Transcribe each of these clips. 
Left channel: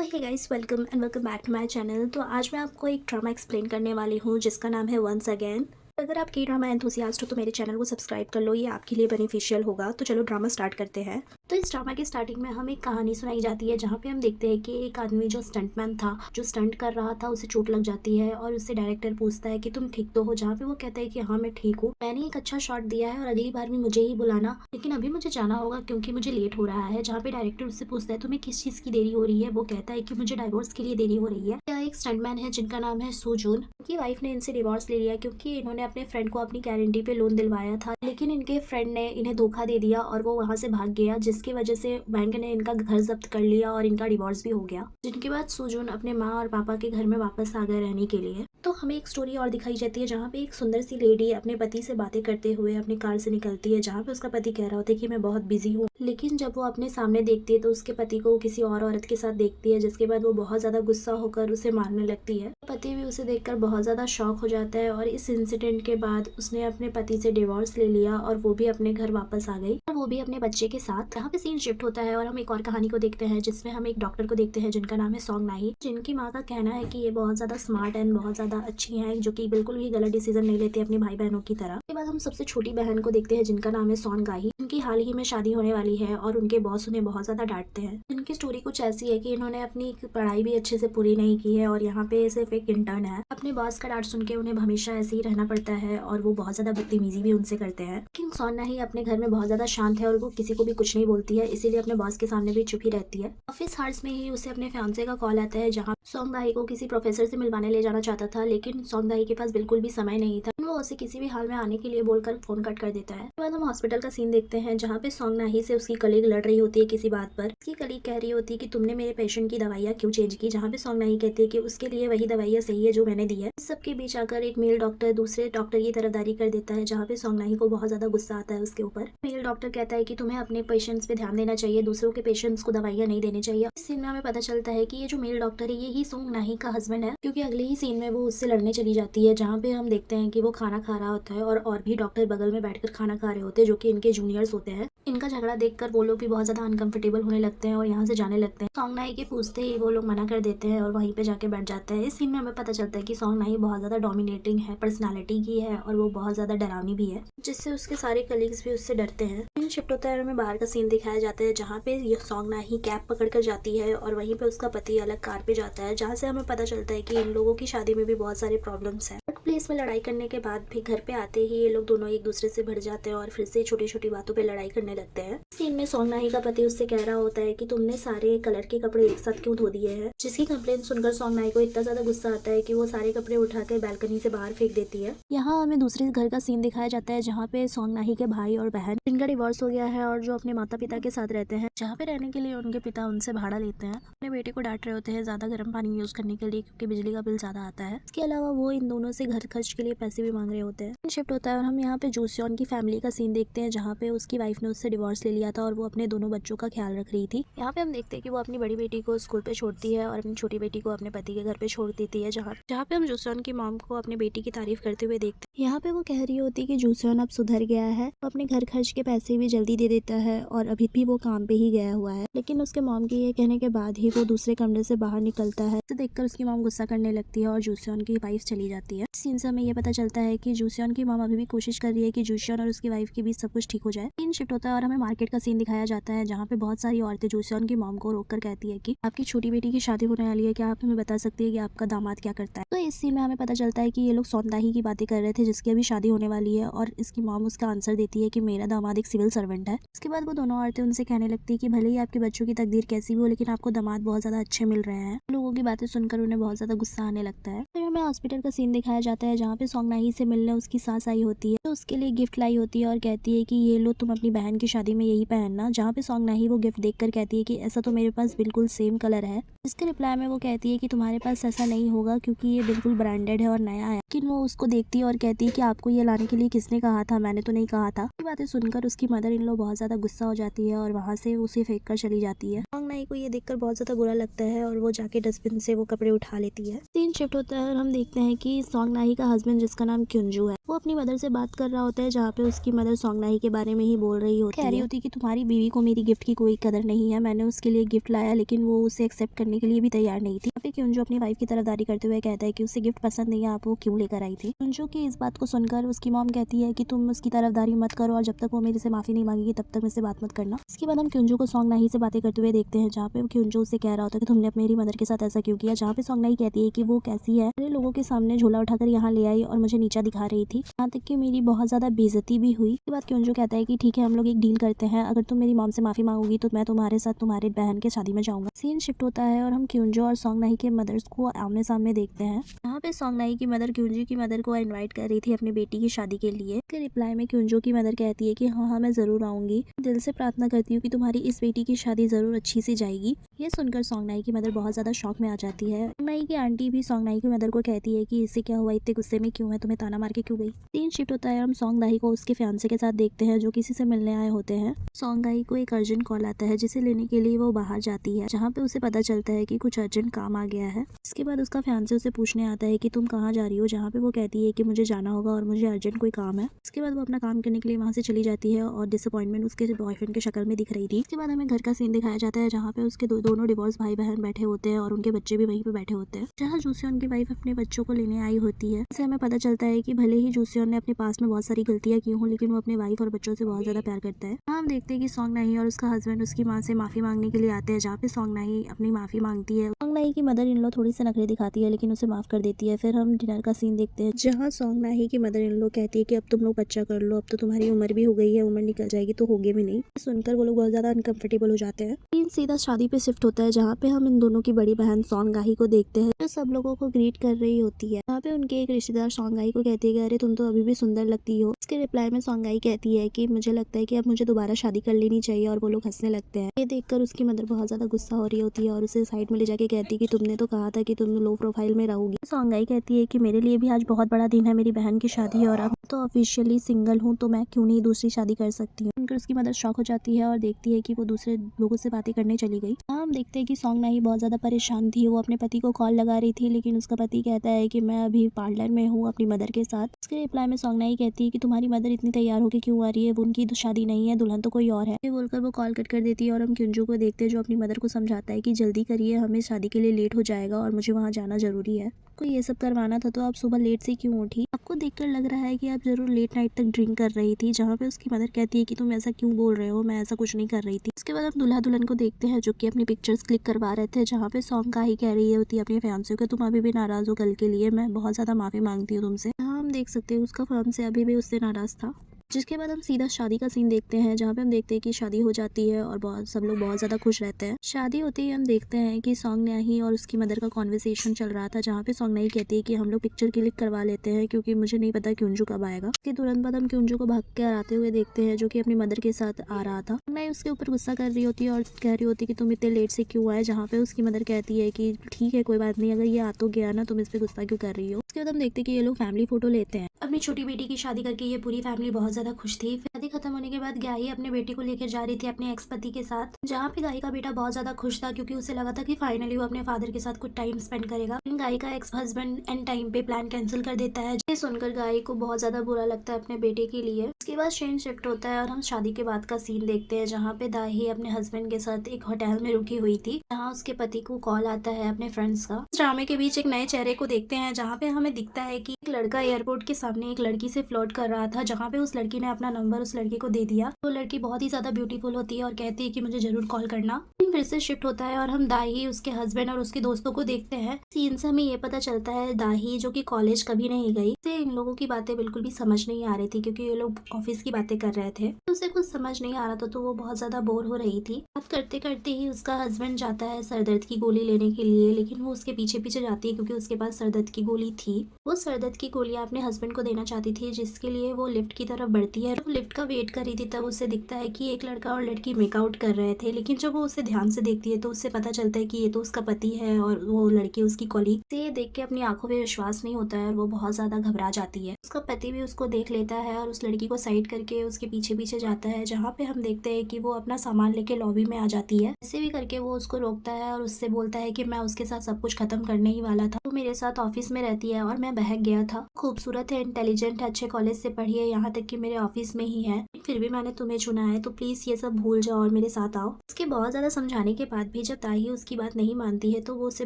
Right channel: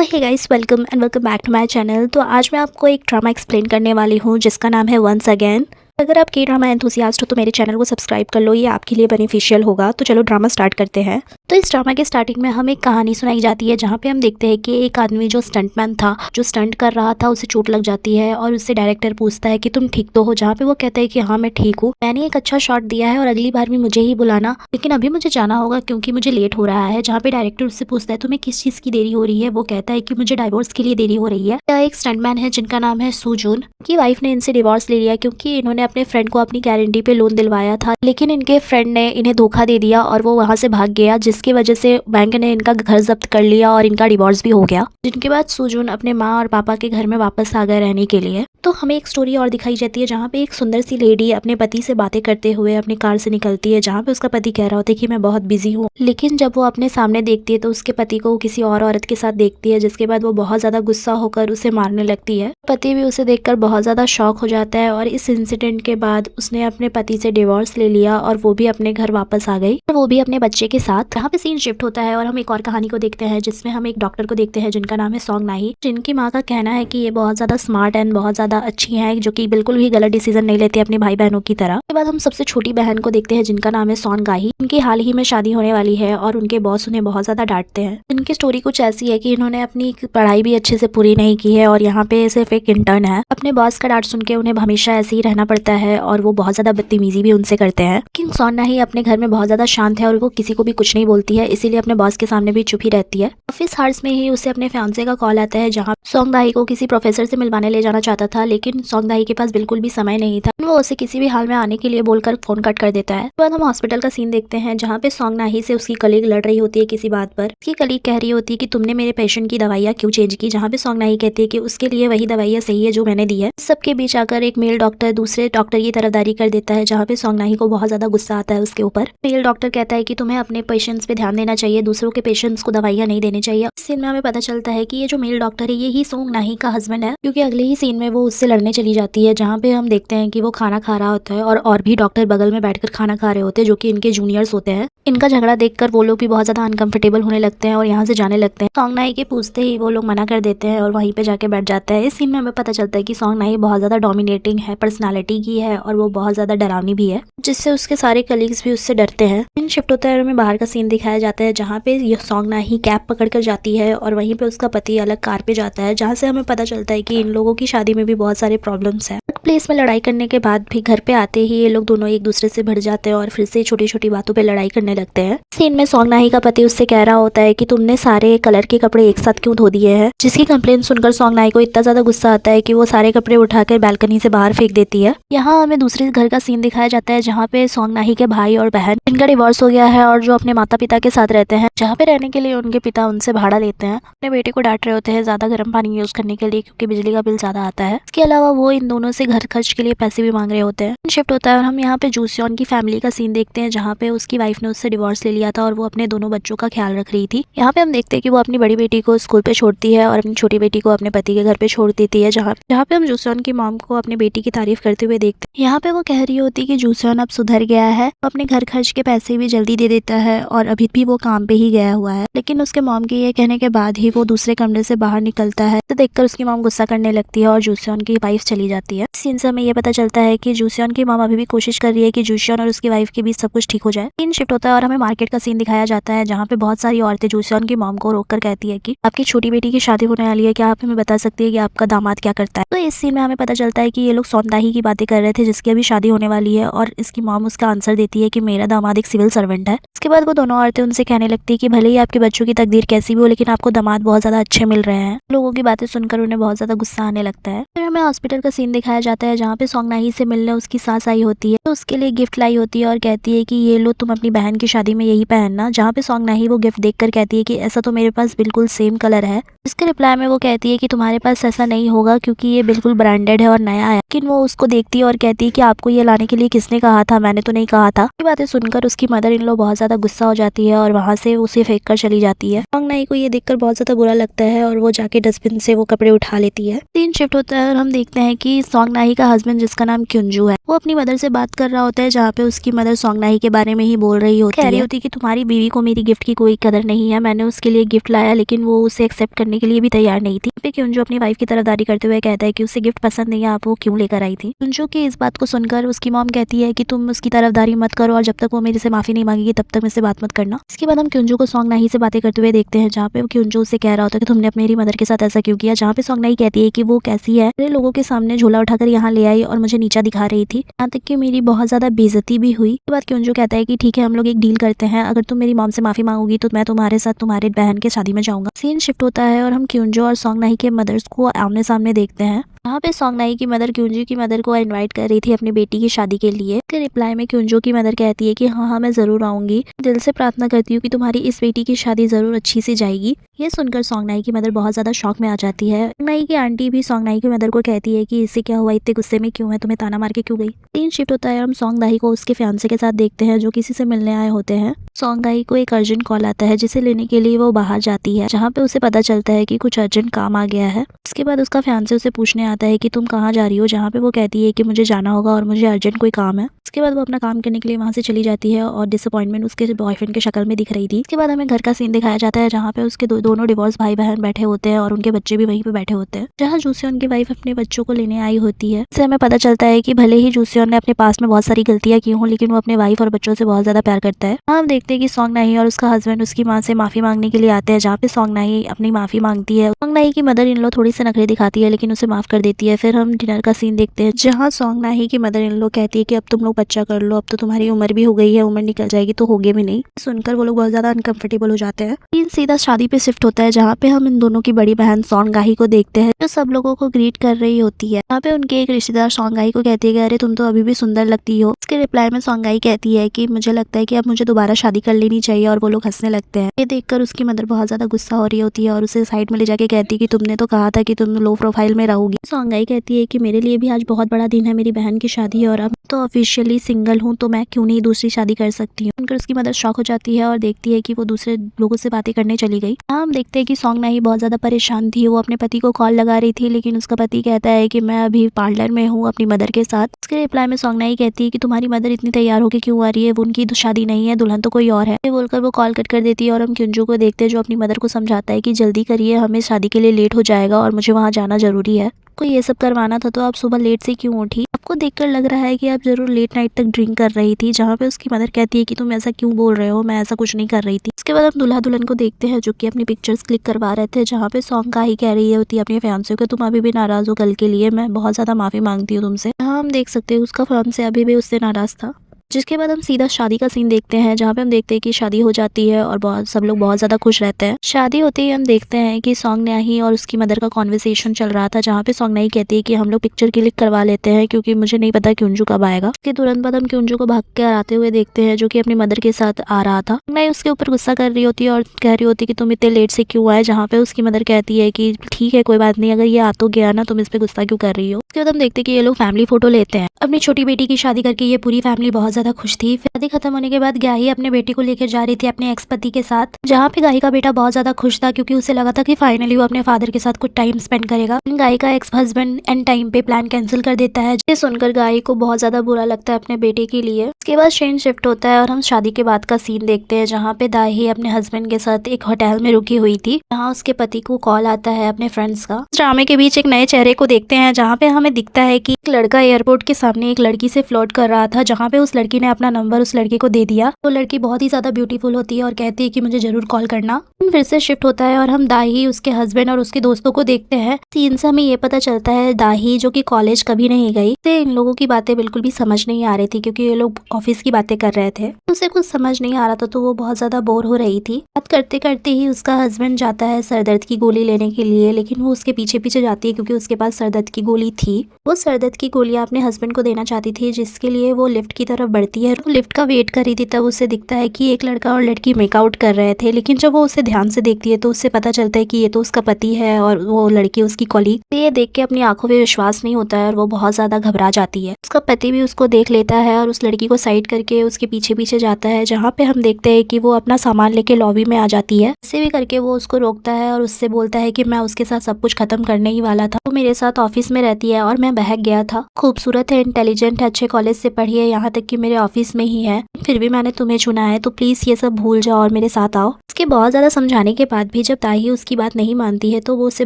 Hey guys, welcome and welcome back to my channel. तो आज मैं आपको एक ड्रामा एक्सप्लेन करने वाली हूँ जिसका नाम है वंस अगेन। अगर आप के ड्रामा एंथुसियास्ट हो तो मेरे चैनल को सब्सक्राइब कर लो, ये आपके लिए बेनिफिशियल होगा। तो चलो ड्रामा स्टार्ट करते हैं। तो इस ड्रामा के स्टार्टिंग में हमें एक कहानी सुनाई जाती है जहाँ पे हम देखते हैं कि एक आदमी जो स्टंटमैन था, जो स्टंट कर रहा था, उसे चोट लग जाती है और उससे डायरेक्टर पूछता है कि तुम ठीक तो हो, जहाँ पे वो कहता है कि हाँ मैं ठीक हूँ, मैंने एक अच्छा शॉट दिया है और अगली बार भी मुझे ही बुलाना, लेकिन अभी मुझे जाना होगा क्योंकि मुझे लेट हो रहा है। जहाँ पे डायरेक्टर उससे पूछता है तुम्हें किस चीज की देरी हो रही है, वो कहता है कि मुझे डाइवोर्स के लिए देरी हो रही है। एक स्टंटमैन है जिनका नाम है सुजून की वाइफ ने इनसे डिवोर्स ले लिया क्योंकि इन्होंने अपने फ्रेंड को अपनी गारंटी पे लोन दिलवाया था, लेकिन इनके फ्रेंड ने इन्हें धोखा दे दिया और वो वहां से भाग गया, जिसकी वजह से बैंक ने इनका घर जब्त कर लिया और इनका डिवोर्स भी हो गया। जिनके बाद सुजून अपने माँ और पापा के घर में वापस आ गए रहने के लिए। तो हमें एक स्टोरी और दिखाई जाती है जहाँ पे एक सुंदर सी लेडी अपने पति से बातें करते हुए अपनी कार से निकलती है, जहाँ पे उसका पति कह रहा होता है कि मैं बहुत बिजी हूँ, लेकिन जब वो अपने सामने देखती है तो उसके पति को किसी और औरत के साथ देखती है, जिसके बाद वो बहुत ज्यादा गुस्सा होकर उसे मारने लगती है। पति भी उसे देखकर बहुत ज्यादा शॉक हो जाता है और इस इंसिडेंट के बाद उसने अपने पति से डिवोर्स ले लिया और वो भी अपने घर वापस आ गई और वो भी अपने बच्चे के साथ। यहाँ पे सीन शिफ्ट होता है और हम एक और कहानी को देखते हैं जिसमें हम एक डॉक्टर को देखते हैं जिनका नाम है सॉन्ग नाही, जिनकी माँ का कहना है कि ये बहुत ज्यादा स्मार्ट एंड बहुत ज्यादा अच्छी है, जो कि बिल्कुल भी गलत डिसीजन नहीं लेती अपने भाई बहनों की तरह। उसके बाद हम सबसे छोटी बहन को देखते हैं जिनका नाम है सॉन गाही। इनकी हाल ही में शादी होने वाली है और उनके बॉस उन्हें बहुत ज्यादा डांटते हैं। इनकी स्टोरी कुछ ऐसी है कि इन्होंने अपनी पढ़ाई भी अच्छे से पूरी नहीं की है और यहाँ पे सिर्फ एक इंटर्न है। अपने बॉस का डांट सुन के उन्हें हमेशा ऐसे ही रहना पड़ता है और वो बहुत ज्यादा बदतमीजी भी उनसे करते हैं। लेकिन सॉन नाही अपने घर में बहुत ज्यादा शांत है और वो किसी को भी कुछ नहीं बोलती है, इसीलिए अपने बॉस के सामने भी चुप ही रहती है। ऑफिस हार्स में ही उसे अपने फियांसे का कॉल आता है जहाँ सॉन्ग दाही को किसी प्रोफेसर से मिलवाने ले जाना चाहता था, लेकिन सॉन्ग दाही के पास बिल्कुल भी समय नहीं था। वो उसे किसी भी हाल में आने के लिए बोलकर फोन कट कर देता है। उसके बाद हम हॉस्पिटल का सीन देखते हैं जहाँ पे सॉन्ग नाही से उसकी कलीग लड़ रही होती है किसी बात पर। उसकी कलीग कह रही होती है कि तुमने मेरे पेशेंट की दवाइयाँ क्यों चेंज की, जहाँ पे सॉन्ग नाही कहती है कि उसके लिए वही दवाइयाँ सही है जो मैंने दी है। सबके बीच आकर एक मेल डॉक्टर दूसरे डॉक्टर की तरफदारी कर देता है, जहाँ पे सॉन्ग नाही को बहुत ज्यादा गुस्सा आता है उसके ऊपर। मेल डॉक्टर कहता है कि तुम्हें अपने पेशेंट्स पे ध्यान देना चाहिए, दूसरों के पेशेंट्स को दवाइयाँ नहीं देनी चाहिए। इस सीन में हमें पता चलता है कि ये जो मेल डॉक्टर है ये ही सॉन्ग नाही का हस्बैंड है, क्योंकि अगले ही सीन में वो उससे लड़ने चली जाती है, जहाँ पे हम देखते हैं कि वो खाना खा रहा होता है और भी डॉक्टर बगल में बैठकर खाना खा रहे होते हैं जो कि इनके जूनियर्स होते हैं। इनका झगड़ा देखकर वो लोग भी बहुत ज्यादा अनकंफर्टेबल होने लगते हैं और यहाँ से जाने लगते हैं। सॉन्ग नाही के पूछते ही वो लोग मना कर देते हैं और वहीं पे जाके बैठ जाता है। इस सीन में हमें पता चलता है कि सॉन्ग नाही बहुत ज्यादा डोमिनेटिंग है, पर्सनालिटी की है और वो बहुत ज्यादा डरावनी भी है, जिससे उसके सारे कलीग्स भी उससे डरते हैं। सीन शिफ्ट होता है और हमें बाहर का सीन दिखाया जाता है जहाँ पे ये सॉन्ग नाही कैब पकड़ कर जाती है और वहीं पे उसका पति अलग कार पे जाता है, जहाँ से हमें पता चलता है कि इन लोगों की शादी में भी बहुत सारे प्रॉब्लम्स है। वर्क प्लेस में लड़ाई करने के बाद भी घर पे आते ही ये लोग दोनों एक दूसरे से भिड़ जाते हैं और फिर से छोटी छोटी बातों पे लड़ाई करने लगते हैं। सीन में सॉन्ग नाही का पति उससे कह रहा होता है कि तुमने सारे कलर के कपड़े एक साथ क्यों धो दिए हैं, जिसकी कंप्लेंट सुनकर सॉन्ग नाही को इतना ज्यादा गुस्सा आता है कि वो सारे कपड़े उठाकर बालकनी से बाहर फेंक देती है। यहाँ हमें दूसरे घर का सीन दिखाया जाता है जहाँ पे सॉन्ग नाही के भाई और बहन, इनका डिवोर्स हो गया है और जो अपने माता पिता के साथ रहते हैं, जहाँ पे रहने के लिए उनके पिता उनसे भाड़ा लेते हैं। अपने बेटे को डांट रहे होते हैं ज्यादा गर्म पानी यूज करने के लिए क्योंकि बिजली का बिल ज्यादा आता है। इसके अलावा वो इन दोनों से घर खर्च के लिए पैसे भी मांग रहे होते हैं। शिफ्ट होता है और हम यहाँ पे जूसियन की फैमिली का सीन देखते हैं जहाँ पे उसकी वाइफ ने उससे डिवोर्स ले लिया था और वो अपने दोनों बच्चों का ख्याल रख रही थी। यहाँ पे हम देखते हैं कि वो अपनी बड़ी बेटी को स्कूल पे छोड़ती है और अपनी छोटी बेटी को अपने पति के घर पे छोड़ देती है, जहाँ जहाँ पे हम जूसियन की मॉम को अपनी बेटी की तारीफ करते हुए देखते हैं। यहाँ पे वो कह रही होती है कि जूसियन अब सुधर गया है, अपने घर खर्च के पैसे भी जल्दी दे देता है और अभी भी वो काम पे ही गया हुआ है, लेकिन उसके मॉम के ये कहने के बाद ही वो दूसरे कमरे से बाहर निकलता है। तो देखकर उसकी मॉम गुस्सा करने लगती है और जूसियन की वाइफ चली जाती है। सीन से हमें ये पता चलता है कि जूसियन की मॉम अभी भी कोशिश कर रही है कि जूसियन और उसकी वाइफ के बीच सब कुछ ठीक हो जाए। सीन शिफ्ट होता है और हमें मार्केट का सीन दिखाया जाता है जहाँ पे बहुत सारी औरतें जूसियन की मॉम को रोककर कहती है कि आपकी छोटी बेटी की शादी होने वाली है, क्या आप हमें बता सकती है कि आपका दामाद क्या करता है। तो इस सीन में हमें पता चलता है कि ये लोग सॉन्ग नाही की बातें कर रहे थे जिसकी अभी शादी होने वाली है और इसकी मॉम उसका आंसर देती है कि मेरा दामाद एक सिविल सर्वेंट है। उसके बाद वो दोनों औरतें उनसे कहने लगती है कि भले ही आपके बच्चों की तकदीर कैसी भी हो, लेकिन आपको दामाद बहुत ज्यादा अच्छे मिल रहे हैं। लोगों की बातें सुनकर उन्हें बहुत ज्यादा गुस्सा आने लगता है। फिर हमें हॉस्पिटल का सीन दिखाया जाता है जहाँ पे सॉन्ग नाही से मिलने उसकी सास आई होती है, तो उसके लिए गिफ्ट लाई होती है और कहती है कि ये लो तुम अपनी बहन की शादी में यही पहनना, जहाँ पे सॉन्ग नाही वो गिफ्ट देखकर कहती है कि ऐसा तो मेरे पास बिल्कुल सेम कलर है। इसके रिप्लाई में वो कहती है कि तुम्हारे पास ऐसा नहीं होगा क्योंकि ये बिल्कुल ब्रांडेड है और नया है। लेकिन वो उसको देखती है और कहती है कि आपको ये लाने के लिए किसने कहा था, मैंने तो नहीं कहा था। ये बातें सुनकर उसकी मदर इन लोग बहुत ज्यादा गुस्सा हो जाती है और वहाँ से उसे फेंक कर चली जाती है। सॉन्ग नाही को ये देखकर बहुत ज्यादा बुरा लगता है और वो जाके डस्टबिन से वो कपड़े उठा लेती है। सीन शिफ्ट होता है और हम देखते हैं कि सॉन्ग सोंगनाही का हस्बैंड जिसका नाम क्युंजू है, वो अपनी मदर से बात कर रहा होता है, जहाँ पे उसकी मदर सोंगनाही के बारे में ही बोल रही होती है। कह रही होती है कि तुम्हारी बीवी को मेरी गिफ्ट की कोई कदर नहीं है, मैंने उसके लिए गिफ्ट लाया लेकिन वो उसे एक्सेप्ट करने के लिए भी तैयार नहीं थी। पे क्युंजू अपनी वाइफ की तरफदारी करते हुए कहता है कि उसे गिफ्ट पसंद नहीं है, आप वो क्यों लेकर आई थी। क्युंजू की इस बात को सुनकर उसकी मॉम कहती है कि तुम उसकी तरफदारी मत करो और जब तक वो मेरे से माफी नहीं मांगेगी तब तक मुझसे बात मत करना। इसके बाद हम क्युंजू को सोंगनाही से बातें करते हुए देखते हैं, जहाँ पे क्युंजू से कह रहा होता है कि तुमने अपनी मेरी मदर के साथ ऐसा क्यों किया, जहाँ पे सोंगनाही कहती है कि वो कैसी है, मेरे लोगों के सामने झोला उठाकर यहाँ ले आई और मुझे नीचा दिखा रही थी, यहाँ तक कि मेरी बहुत ज्यादा बेइज्जती भी हुई। इसके बाद क्युंजू कहता है कि ठीक है हम लोग एक डील करते हैं, अगर तुम मेरी मॉम से माफी मांगोगी तो मैं तुम्हारे साथ तुम्हारे बहन के शादी में जाऊंगा। सीन शिफ्ट होता है और हम क्युंजू और सोंगनाही के मदर्स को आमने सामने देखते हैं। यहाँ पे सोंगनाही की मदर क्युंजू की मदर को इनवाइट कर रही थी अपनी बेटी की शादी के लिए। इसके रिप्लाई में क्युंजू की मदर कहती है कि हाँ मैं जरूर आऊंगी, दिल से प्रार्थना करती हूँ कि तुम्हारी इस बेटी की शादी जरूर अच्छी से जाएगी। ये सुनकर सोंगनाही की मदर बहुत ज्यादा शॉक में आ जाती है। सोंगनाही की आंटी भी सोंगनाही की मदर को कहती है कि इससे क्या हुआ, इतने गुस्से में क्यों है, तुम्हें ताना मार के क्यों गई। सीन शिफ्ट होता है, हम सोंगनाही को उसके फियांसे के साथ देखते हैं जो किसी से मिलने आए होते हैं। सोंगनाही को एक अर्जेंट कॉल आता है जिसे लेने के लिए वो बाहर जाती है, जहाँ पे उसे पता चलता है कि कुछ अर्जेंट काम आ गया है। इसके बाद उसका फियांसे उसे पूछने आता है कि तुम कहाँ जा रही हो, जहाँ पे वो कहती है कि मुझे जाना होगा और मुझे अर्जेंट कोई काम है। इसके बाद वो अपना काम करने के लिए वहाँ से चली जाती है और डिसअपॉइंटमेंट उसके बॉयफ्रेंड के शक्ल में दिख रही थी। इसके बाद हमें घर का सीन दिखाया जाता है, जहाँ पे उसके दोनों डिवोर्स भाई बहन बैठे होते हैं और उनके बच्चे भी वहीं पे बैठे होते हैं, जहाँ जूसियन की वाइफ अपने बच्चों को लेने आई होती है। इससे हमें पता चलता है कि भले ही जूसियन ने अपने पास में बहुत सारी गलतियां की हों, लेकिन वो अपने वाइफ और बच्चों से बहुत ज्यादा प्यार करता है। हम देखते हैं कि सोंगनाही और उसका हस्बैंड उसकी माँ से माफी मांगने के लिए आते हैं, जहाँ पे सोंगनाही अपनी माफी मांगती है। सोंगनाही की मदर इन लो थोड़ी सी नखरे दिखाती है लेकिन उसे माफ कर देती है। फिर हम डिनर का सीन देखते हैं, जहाँ सोंगनाही की मदर इन लो कहती है कि अब तुम लोग बच्चा कर लो, अब तो तुम्हारी उम्र भी हो गई है, उम्र निकल जाएगी तो होगे भी नहीं। सुनकर वो लोग बहुत ज्यादा अनकंफर्टेबल हो जाते हैं। सीन सीधा शादी पे शिफ्ट होता है, जहाँ पे हम इन दोनों की बड़ी बहन सोंगनाही को देखते हैं, जो सब लोगों को ग्रीट कर रही होती है। यहाँ पे उनके एक रिश्तेदार सोंगनाही को कहती है कि अरे तुम तो अभी भी सुंदर लगती हो। इसके रिप्लाई में सोंगनाही कहती है कि मुझे लगता है कि अब मुझे दोबारा शादी कर लेनी चाहिए, और वो लोग हंसने लगते हैं। ये देखकर उसकी मदर बहुत ज्यादा गुस्सा हो रही होती है और उसे साइड में ले जाके कहती है कि तुमने तो कहा था कि तुम लो प्रोफाइल में रहोगी। सोंगनाही कहती है कि मेरे लिए भी आज बहुत बड़ा दिन है, मेरी बहन की शादी है और अब तो ऑफिशियली सिंगल हूँ, तो मैं क्यों नहीं दूसरी शादी कर सकती हूँ। उनकर उसकी मदर शॉक हो जाती है और देखती है कि वो दूसरे लोगों से बातें करने चली गई। हम देखते हैं कि सोंगनाही बहुत ज्यादा परेशान थी, वो अपने पति को कॉल लगा रही थी लेकिन उसका पति कहता है कि मैं अभी पार्लर में हूँ अपनी मदर के साथ। उसके रिप्लाई में सोंगनाही कहती है कि तुम्हारी मदर इतनी तैयार होकर क्यों आ रही है, वो उनकी तो शादी नहीं है, दुल्हन तो कोई और है। ये बोलकर वो कॉल कट कर देती है और हम क्युंजू को देखते हैं जो अपनी मदर को समझाता है कि जल्दी करिए, हमें शादी के लिए लेट हो जाएगा और मुझे वहाँ जाना जरूरी है। को ये सब करवाना था तो आप सुबह लेट से क्यों उठी, आपको देखकर लग रहा है कि आप जरूर लेट नाइट तक ड्रिंक कर रही थी। जहाँ पे उसकी मदर कहती है कि तुम ऐसा क्यों बोल रहे हो, मैं ऐसा कुछ नहीं कर रही थी। उसके बाद हम दूल्हा दुल्हन को देखते हैं जो कि अपनी पिक्चर्स क्लिक करवा रहे थे, जहाँ पे सोंगनाही कह रही होती है अपने फियांसे को तुम अभी भी नाराज हो कल के लिए, मैं बहुत ज्यादा माफी मांगती हूँ तुमसे। हाँ हम देख सकते हैं उसका फियांसे अभी भी उससे नाराज था। जिसके बाद हम सीधा शादी का सीन देखते हैं, जहाँ पे हम देखते हैं कि शादी हो जाती है और सब लोग बहुत ज्यादा खुश रहते हैं। शादी होते ही हम देखते हैं कि सोंगनाही और उसकी मदर का कॉन्वर्सेशन चल रहा था, जहाँ पे सोंगनाही कहती है कि हम लोग पिक्चर क्लिक करवा लेते हैं क्योंकि मुझे नहीं पता क्युंजू कब आएगा। उसके तुरंत बाद हम क्युंजू को भाग कर आते हुए देखते हैं, जो कि अपनी मदर के साथ आ रहा था। सोंगनाही उसके ऊपर गुस्सा कर रही होती है और कह रही होती है कि तुम इतने लेट से क्यों आए, जहाँ पे उसकी मदर कहती है कि ठीक है कोई बात नहीं, अगर ये आ तो गया ना, तुम इस पे गुस्सा क्यों कर रही हो। उसके बाद हम देखते हैं कि ये लोग फैमिली फोटो लेते हैं। अपनी छोटी बेटी की शादी करके ये पूरी फैमिली बहुत ज्यादा खुश थी। शादी खत्म होने के बाद गाही अपने बेटी को लेकर जा रही थी अपने एक्स पति के साथ, जहाँ पे गाही का बेटा बहुत ज्यादा खुश था क्योंकि उसे लगा था कि फाइनली वो अपने फादर के साथ कुछ टाइम स्पेंड करेगा। गाही का एक्स हस्बैंड एंड टाइम पे प्लान कैंसिल कर देता है, जिसे सुनकर गाही को बहुत ज्यादा बुरा लगता है अपने बेटे के लिए। उसके बाद सीन शिफ्ट होता है और हम शादी के बाद का सीन देखते हैं, जहाँ पे दाही अपने हस्बैंड के साथ एक होटल में रुकी हुई थी, जहाँ उसके पति को कॉल आता है अपने फ्रेंड्स का। ड्रामे के बीच एक नए चेहरे को देखते हैं, जहाँ पे हमें दिखता है कि एक लड़का एयरपोर्ट के सामने एक लड़की से फ्लर्ट कर रहा था, जहाँ पे उस लड़की ने अपना नंबर उस लड़के को दे दिया। तो लड़की बहुत ही ज्यादा ब्यूटीफुल होती है और कहती है कि मुझे जरूर कॉल करना। फिर से शिफ्ट होता है और हम दाही, उसके हस्बैंड और उसके दोस्तों को देखते हैं। सीन से हमें ये पता चलता है दाही जो कि कॉलेज कभी नहीं गई, से इन लोगों की बातें बिल्कुल भी समझ नहीं आ रही थी क्योंकि ये लोग ऑफिस की बातें कर रहे थे। उसे कुछ समझ नहीं आ रहा था तो वो बहुत ज्यादा बोर हो रही थी। बात करते करते ही उसका हस्बैंड जाता है सरदर्द की गोली लेने के लिए, लेकिन वो उसके पीछे पीछे जाती है क्योंकि उसके पास सरदर्द की गोली थी। वो सरदर्द की गोलियां अपने हस्बैंड को देना चाहती थी, जिसके लिए वो लिफ्ट की तरफ बढ़ती है। वो लिफ्ट का वेट कर रही थी, तब उसे दिखता है कि एक लड़का और लड़की मेकआउट कर रहे थे, लेकिन जब वो उसे ध्यान से देखती है तो उससे पता चलता है कि ये तो उसका पति है और वो लड़की उसकी कॉलीग। तो ये देख के अपनी आंखों पे विश्वास नहीं होता है और वो बहुत ज्यादा घबरा जाती है। उसका पति भी उसको देख लेता है और उस लड़की को साइड करके उसके पीछे पीछे जाता है, जहाँ पे हम देखते हैं कि वो अपना सामान लेके लॉबी में आ जाती है। ऐसे भी करके वो उसको रोकता है और उससे बोलता है कि मैं उसके साथ सब कुछ खत्म करने ही वाला था, वो मेरे साथ ऑफिस में रहती है और मैं बहक गया था। खूबसूरत है, इंटेलिजेंट है, अच्छे कॉलेज से पढ़ी है, यहाँ तक कि मेरे ऑफिस में ही है, फिर भी मैंने तुम्हें चुना है, तो प्लीज ये सब भूल जाओ और मेरे साथ आओ। उसके बहुत ज्यादा समझाने के बाद भी जब ताही उसकी बात नहीं मानती है तो वो उसे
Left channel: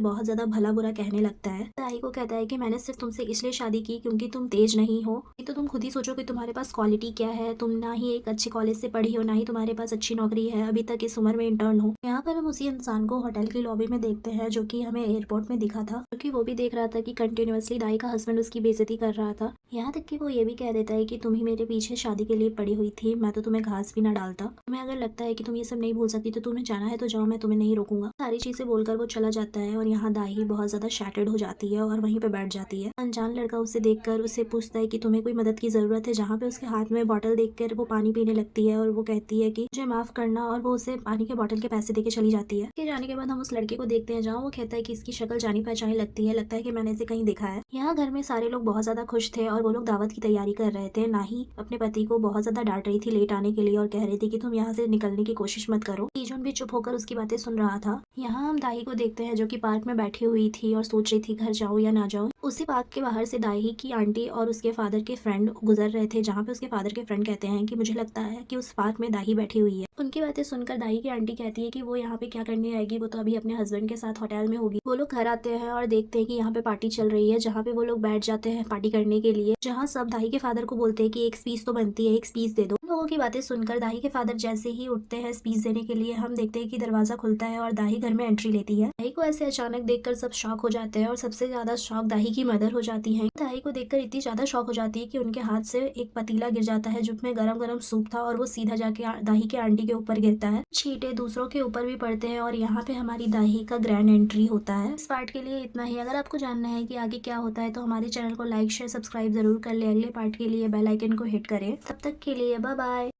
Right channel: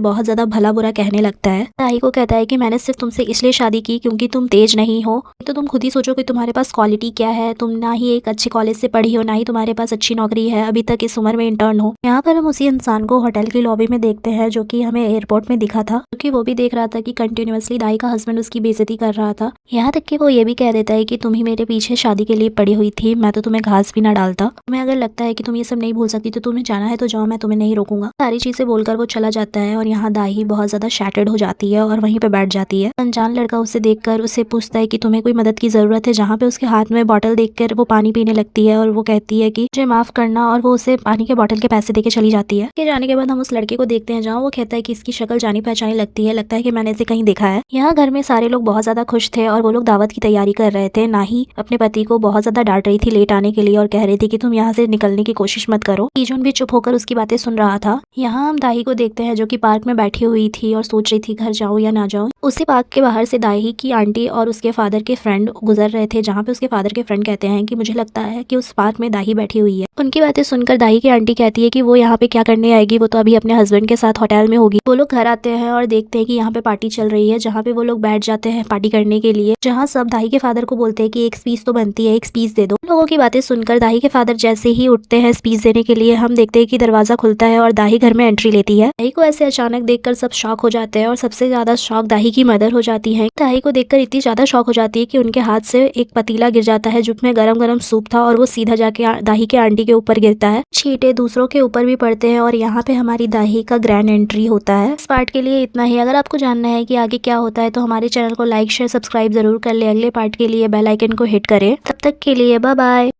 बहुत ज्यादा भला बुरा कहने लगता है। ताही को कहता है कि मैंने सिर्फ तुमसे इसलिए शादी की क्योंकि तुम तेज नहीं हो, तो तुम खुद ही सोचो कि तुम्हारे पास क्वालिटी क्या है। तुम ना ही एक अच्छे कॉलेज से पढ़ी हो, ना ही तुम्हारे पास अच्छी नौकरी है, अभी तक इस उम्र में इंटर्न हो। यहाँ पर हम उसी इंसान को होटल की लॉबी में देखते हैं जो कि हमें एयरपोर्ट में दिखा था, क्योंकि वो भी देख रहा था कि कंटिन्यूअसली दाई का हस्बैंड उसकी बेइज्जती कर रहा था। यहाँ तक कि वो ये भी कह देता है कि तुम ही मेरे पीछे शादी के लिए पड़ी हुई थी, मैं तो तुम्हें घास भी ना डालता। तुम्हें अगर लगता है कि तुम ये सब नहीं भूल सकती तो तुम्हें जाना है तो जाओ, मैं तुम्हें नहीं रोकूंगा। सारी चीजें बोलकर वो चला जाता है और यहाँ दाही बहुत ज्यादा शैटर्ड हो जाती है और वहीं पे बैठ जाती है। अनजान लड़का उसे देखकर उसे पूछता है कि तुम्हें कोई मदद की जरूरत है, जहाँ पे उसके हाथ में बॉटल देखकर वो पानी पीने लगती है और वो कहती है कि मुझे माफ करना, और वो उसे पानी के बॉटल के पैसे देके चली जाती है। के जाने के बाद हम उस लड़के को देखते हैं जहाँ वो कहता है कि इसकी शक्ल जानी पहचानी लगती है, लगता है कि मैंने इसे कहीं देखा है। यहाँ घर में सारे लोग बहुत ज्यादा खुश थे और वो लोग दावत की तैयारी कर रहे थे। ना ही अपने पति को बहुत ज्यादा डांट रही थी लेट आने के लिए और कह रही थी कि तुम यहाँ से निकलने की कोशिश मत करो। ईजुन भी चुप होकर उसकी बातें सुन रहा था। यहाँ हम दाही को देखते हैं जो कि पार्क में बैठी हुई थी और सोच रही थी घर जाऊँ या ना जाऊँ। उसी पार्क के बाहर से दाही की आंटी और उसके फादर के फ्रेंड गुजर रहे थे, जहाँ पे उसके फादर के फ्रेंड कहते हैं कि मुझे लगता है कि उस पार्क में दाही बैठी हुई है। उनकी बातें सुनकर दाही की आंटी कहती है कि वो यहाँ पे क्या करने आएगी, वो तो अभी अपने हस्बैंड के साथ होटल में होगी। वो लोग घर आते हैं और देखते हैं कि यहाँ पे पार्टी चल रही है, जहाँ पे वो लोग बैठ जाते हैं पार्टी करने के लिए, जहाँ सब दाही के फादर को बोलते हैं कि एक स्पीच तो बनती है, एक स्पीच दे दो। लोगों की बातें सुनकर दाही के फादर जैसे ही उठते हैं स्पीच देने के लिए, हम देखते हैं कि दरवाजा खुलता है और दाही घर में एंट्री लेती है। दाही को ऐसे अचानक देखकर सब शॉक हो जाते हैं और सबसे ज्यादा शॉक दाही की मदर हो जाती है। दाही को देखकर इतनी ज्यादा शॉक हो जाती है कि उनके हाथ से एक पतीला गिर जाता है जिसमें गरम गरम सूप था और वो सीधा जाके दाही के आंटी के ऊपर गिरता है। छींटे दूसरों के ऊपर भी पड़ते हैं और यहाँ पे हमारी दाही का ग्रैंड एंट्री होता है। इस पार्ट के लिए इतना ही। अगर आपको जानना है कि आगे क्या होता है तो हमारे चैनल को लाइक शेयर सब्सक्राइब जरूर कर ले। अगले पार्ट के लिए बेल आइकन को हिट करें। तब तक के लिए बाय बाय।